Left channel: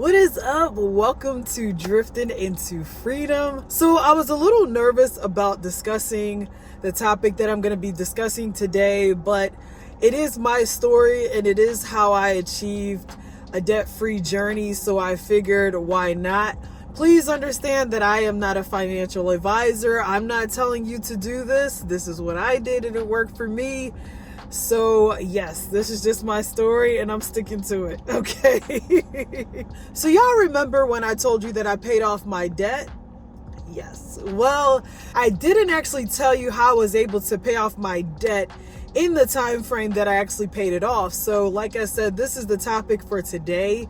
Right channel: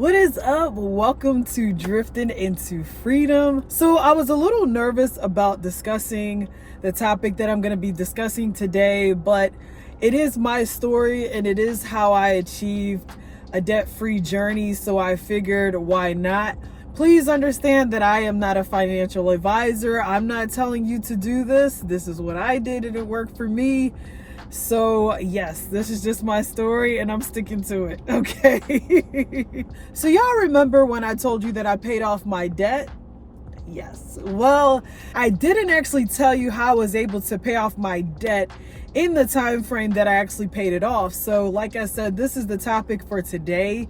What is up? Welcome to Driftin into Freedom. So I was a little nervous about discussing the topic that I'm going to be discussing today, but it is my story and it is how I achieved a debt-free journey. So I figured, why not? Please understand that I am not a financial advisor. I'm not telling you to do this. This is what I did and it worked for me. So yes, this is just my story and I'm sticking to it, okay? So y'all remember when I told you that I paid off my debt? Yes. Well, I didn't actually tell you how I was able to pay off my debt in the time frame that I actually paid it off. So like I said, this is the topic for today.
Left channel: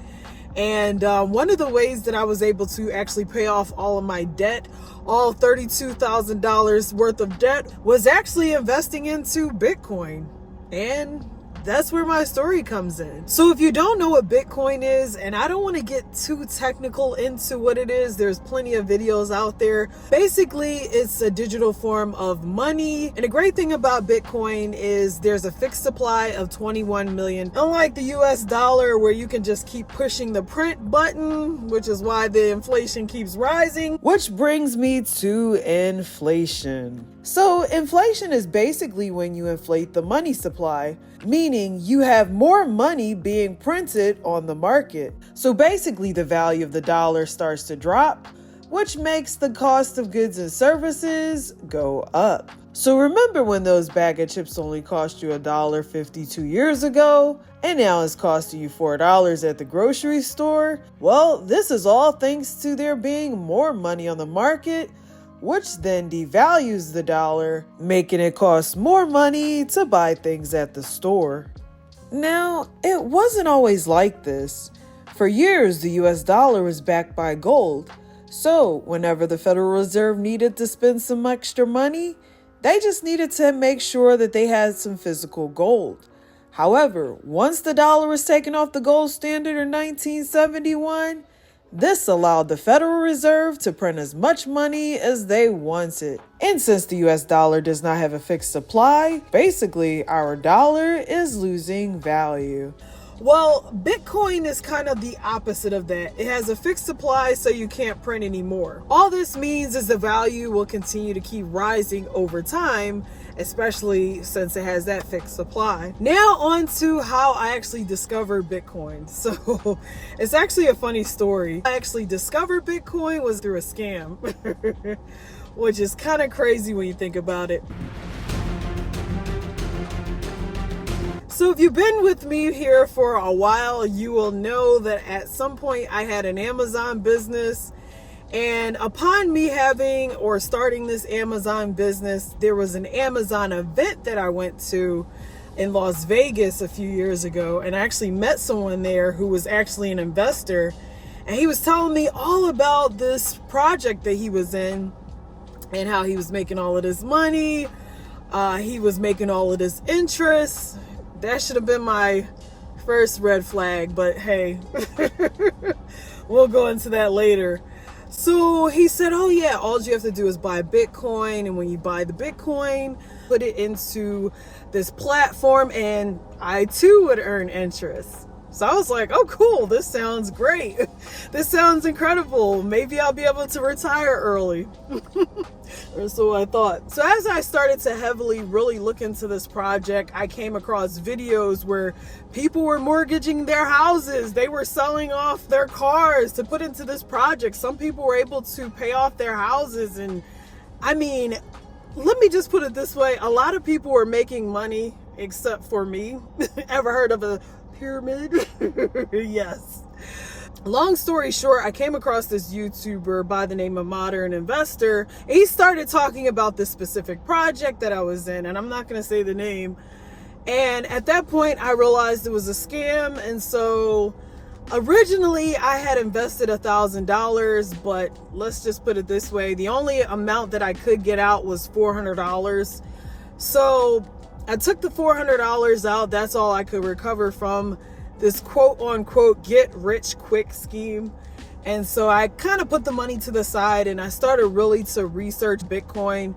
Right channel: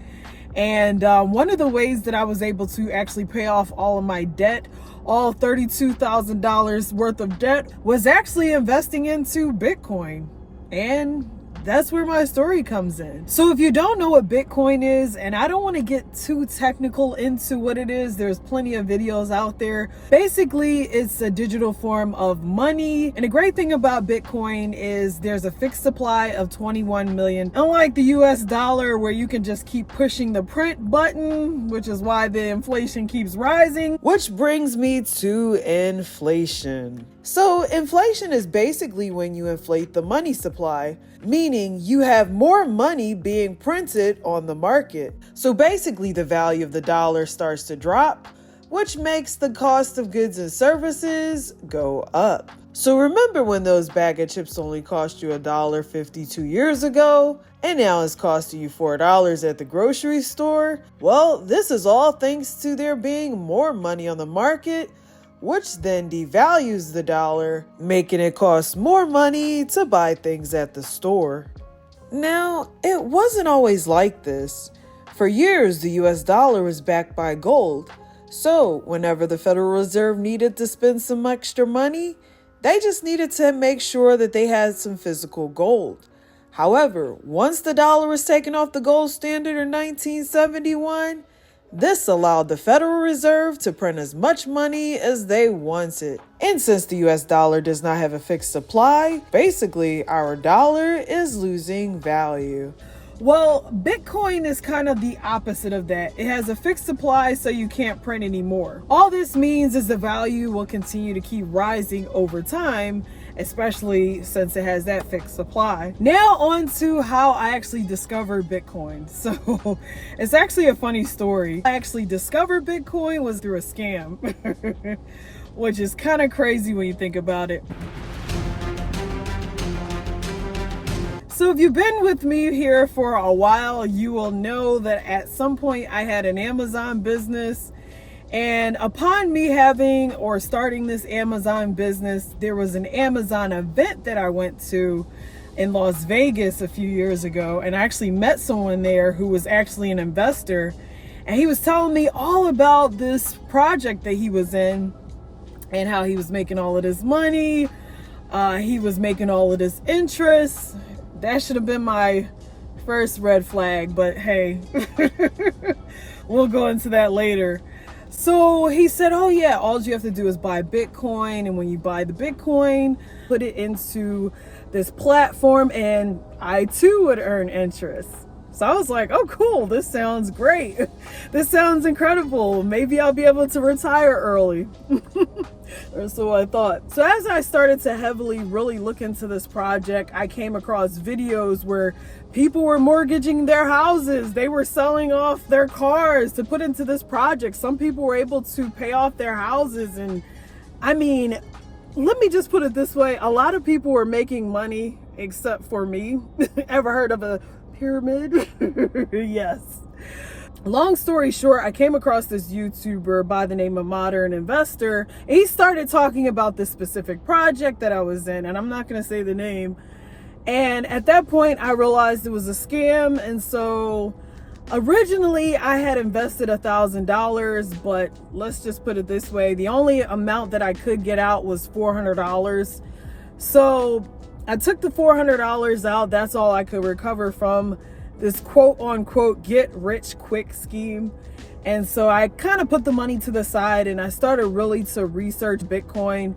And one of the ways that I was able to actually pay off all of my debt, all $32,000 worth of debt, was actually investing into Bitcoin. And that's where my story comes in. So if you don't know what Bitcoin is, and I don't want to get too technical into what it is, there's plenty of videos out there. Basically, it's a digital form of money. And the great thing about Bitcoin is there's a fixed supply of 21 million. Unlike the US dollar, where you can just keep pushing the print button, which is why the inflation keeps rising. Which brings me to inflation. So inflation is basically when you inflate the money supply, meaning you have more money being printed on the market. So basically the value of the dollar starts to drop, which makes the cost of goods and services go up. So remember when those bag of chips only cost you $1.50 2 years ago, and now it's costing you $4 at the grocery store? Well, this is all thanks to there being more money on the market, which then devalues the dollar, making it cost more money to buy things at the store. Now, it wasn't always like this. For years, the US dollar was backed by gold. So, whenever the Federal Reserve needed to spend some extra money, they just needed to make sure that they had some physical gold. However, once the dollar was taken off the gold standard in 1971, this allowed the Federal Reserve to print as much money as they wanted. And since the US dollar does not have a fixed supply, basically our dollar is losing value. Well, Bitcoin is kind of the opposite of that. It has a fixed supply, so you can't print anymore. All this means is the value will continue to keep rising over time, especially since it has that fixed supply. Now on to how I actually discovered Bitcoin. So it's actually a funny story. I actually discovered Bitcoin was through a scam, which is kind of crazy when you think about it. So if you've been with me here for a while, you will know that at some point I had an Amazon business. And upon me having or starting this Amazon business, there was an Amazon event that I went to in Las Vegas a few years ago. And I actually met someone there who was actually an investor. And he was telling me all about this project that he was in and how he was making all of this money. He was making all of this interest. That should have been my first red flag, but hey, we'll go into that later. So he said, oh yeah, all you have to do is buy Bitcoin. And when you buy the Bitcoin, put it into this platform and I too would earn interest. So I was like, oh cool, this sounds great. This sounds incredible. Maybe I'll be able to retire early. Or so I thought. So as I started to heavily really look into this project, I came across videos where people were mortgaging their houses. They were selling off their cars to put into this project. Some people were able to pay off their houses. And I mean, let me just put it this way. A lot of people were making money except for me. Ever heard of a pyramid? Yes. Long story short, I came across this YouTuber by the name of Modern Investor. He started talking about this specific project that I was in, and I'm not going to say the name. And at that point, I realized it was a scam. And so originally I had invested $1,000, but let's just put it this way. The only amount that I could get out was $400. So I took the $400 out. That's all I could recover from this quote unquote get rich quick scheme. And so I kind of put the money to the side and I started really to research Bitcoin.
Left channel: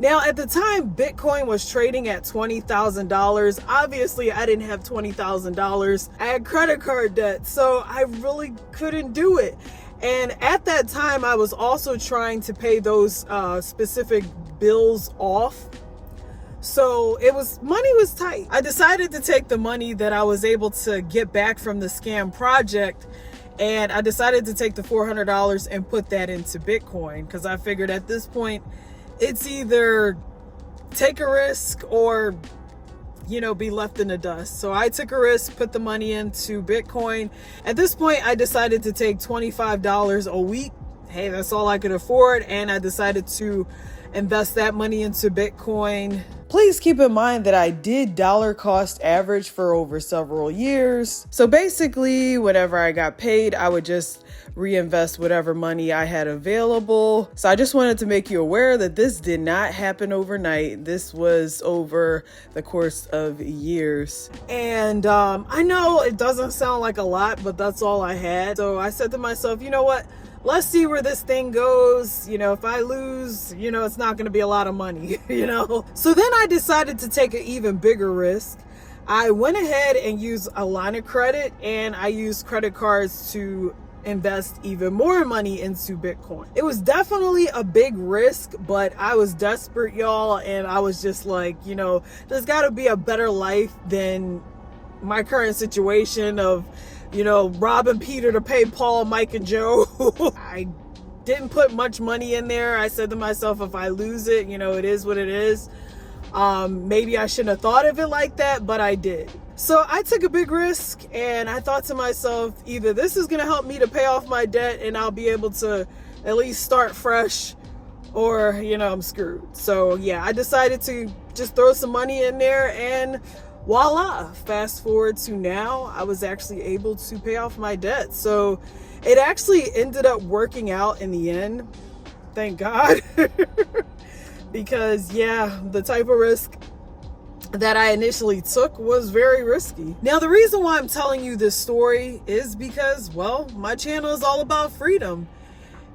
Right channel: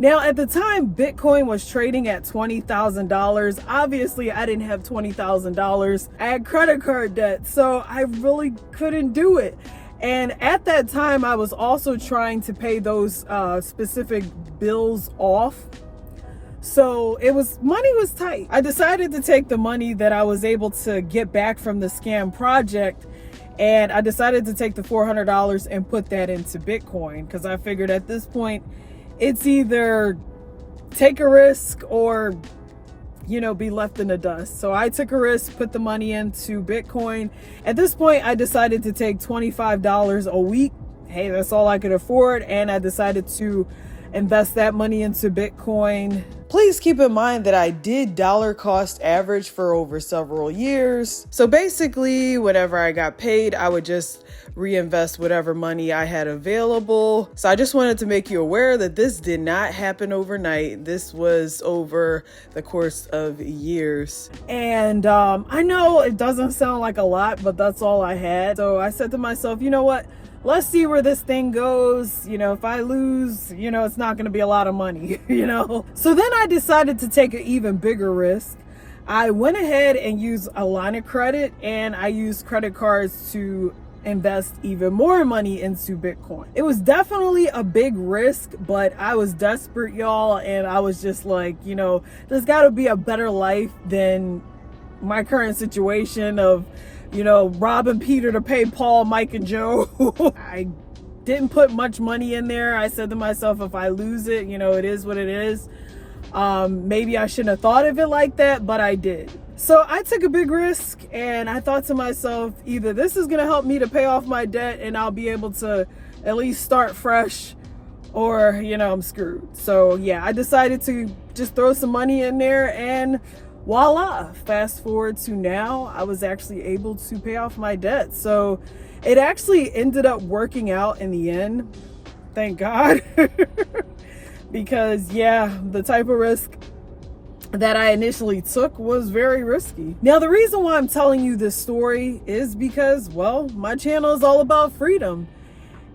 Now, at the time, Bitcoin was trading at $20,000. Obviously, I didn't have $20,000. I had credit card debt, so I really couldn't do it. And at that time, I was also trying to pay those specific bills off. So money was tight. I decided to take the money that I was able to get back from the scam project, and I decided to take the $400 and put that into Bitcoin, because I figured at this point, it's either take a risk or, be left in the dust. So I took a risk, put the money into Bitcoin. At this point, I decided to take $25 a week. Hey, that's all I could afford. And I decided to invest that money into Bitcoin. Please keep in mind that I did dollar cost average for over several years. So basically, whenever I got paid, I would just reinvest whatever money I had available. So I just wanted to make you aware that this did not happen overnight. This was over the course of years. And I know it doesn't sound like a lot, but that's all I had. So I said to myself, you know what? Let's see where this thing goes. If I lose, it's not going to be a lot of money, So then I decided to take an even bigger risk. I went ahead and used a line of credit, and I used credit cards to invest even more money into Bitcoin. It was definitely a big risk, but I was desperate, y'all. And I was just like, there's got to be a better life than my current situation of robbing Peter to pay Paul, Mike, and Joe. I didn't put much money in there. I said to myself, if I lose it, it is what it is. Maybe I shouldn't have thought of it like that, but I did. So I took a big risk, and I thought to myself, either this is going to help me to pay off my debt and I'll be able to at least start fresh, or, I'm screwed. So yeah, I decided to just throw some money in there, and voila, fast forward to now, I was actually able to pay off my debt. So it actually ended up working out in the end. Thank God. Because yeah, the type of risk that I initially took was very risky. Now, the reason why I'm telling you this story is because, well, my channel is all about freedom.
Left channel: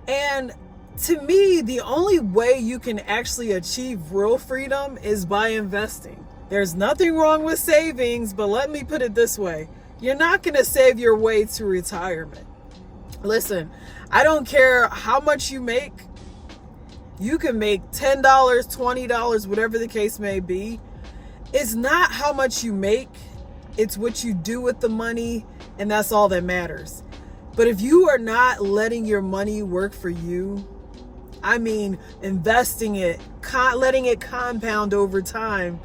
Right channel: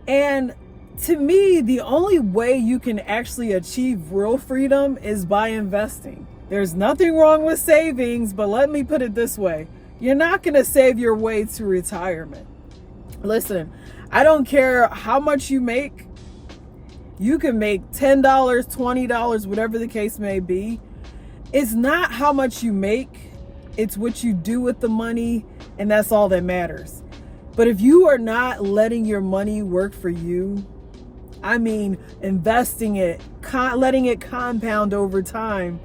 And to me, the only way you can actually achieve real freedom is by investing. There's nothing wrong with savings, but let me put it this way. You're not going to save your way to retirement. Listen, I don't care how much you make. You can make $10, $20, whatever the case may be. It's not how much you make. It's what you do with the money, and that's all that matters. But if you are not letting your money work for you, I mean, investing it, letting it compound over time,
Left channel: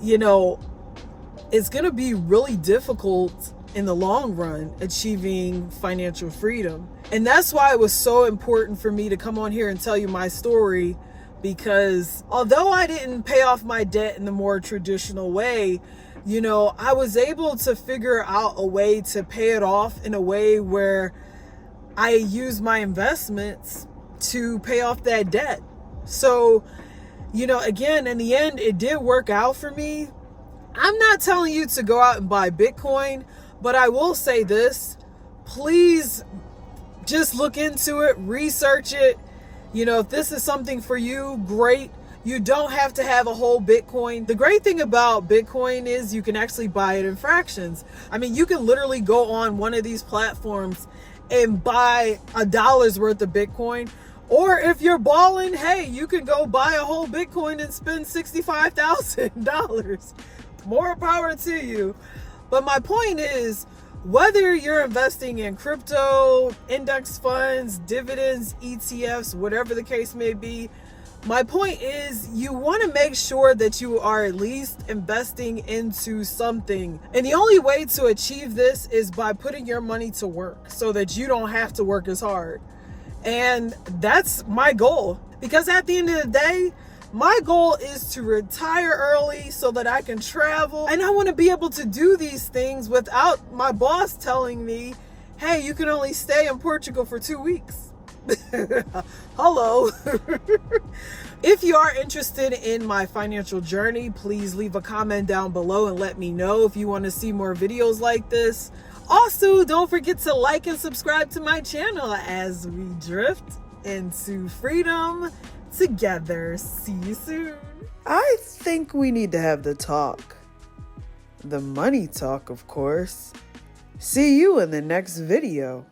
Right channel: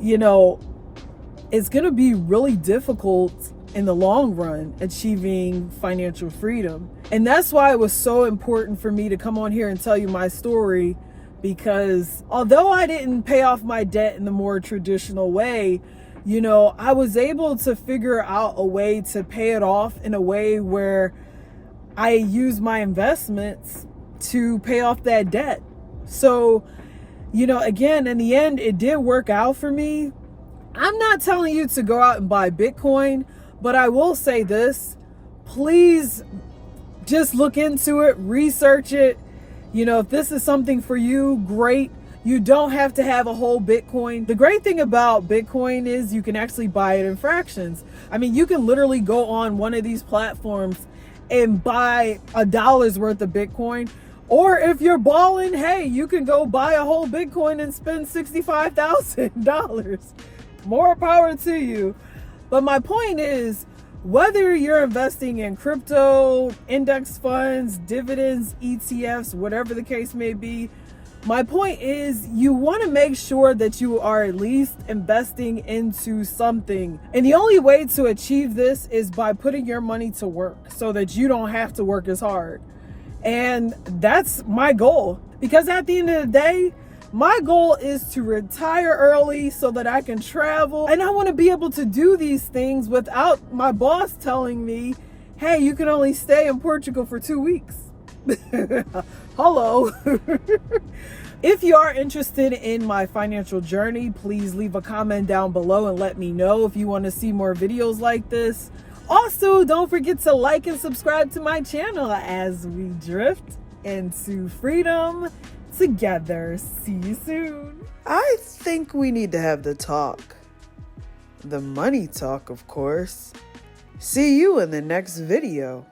it's going to be really difficult in the long run achieving financial freedom. And that's why it was so important for me to come on here and tell you my story, because although I didn't pay off my debt in the more traditional way, I was able to figure out a way to pay it off in a way where I use my investments to pay off that debt. So, again, in the end, it did work out for me. I'm not telling you to go out and buy Bitcoin, but I will say this, please just look into it, research it. If this is something for you, great. You don't have to have a whole Bitcoin. The great thing about Bitcoin is you can actually buy it in fractions. I mean, you can literally go on one of these platforms and buy $1 worth of Bitcoin. Or if you're balling, hey, you can go buy a whole Bitcoin and spend $65,000. More power to you. But my point is, whether you're investing in crypto, index funds, dividends, ETFs, whatever the case may be, my point is you want to make sure that you are at least investing into something. And the only way to achieve this is by putting your money to work so that you don't have to work as hard. And that's my goal, because at the end of the day, my goal is to retire early so that I can travel. And I want to be able to do these things without my boss telling me, hey, you can only stay in Portugal for 2 weeks. Hello. If you are interested in my financial journey, please leave a comment down below and let me know if you want to see more videos like this. Also, don't forget to like and subscribe to my channel as we drift into freedom together. See you soon. I think we need to have the talk. The money talk, of course. See you in the next video.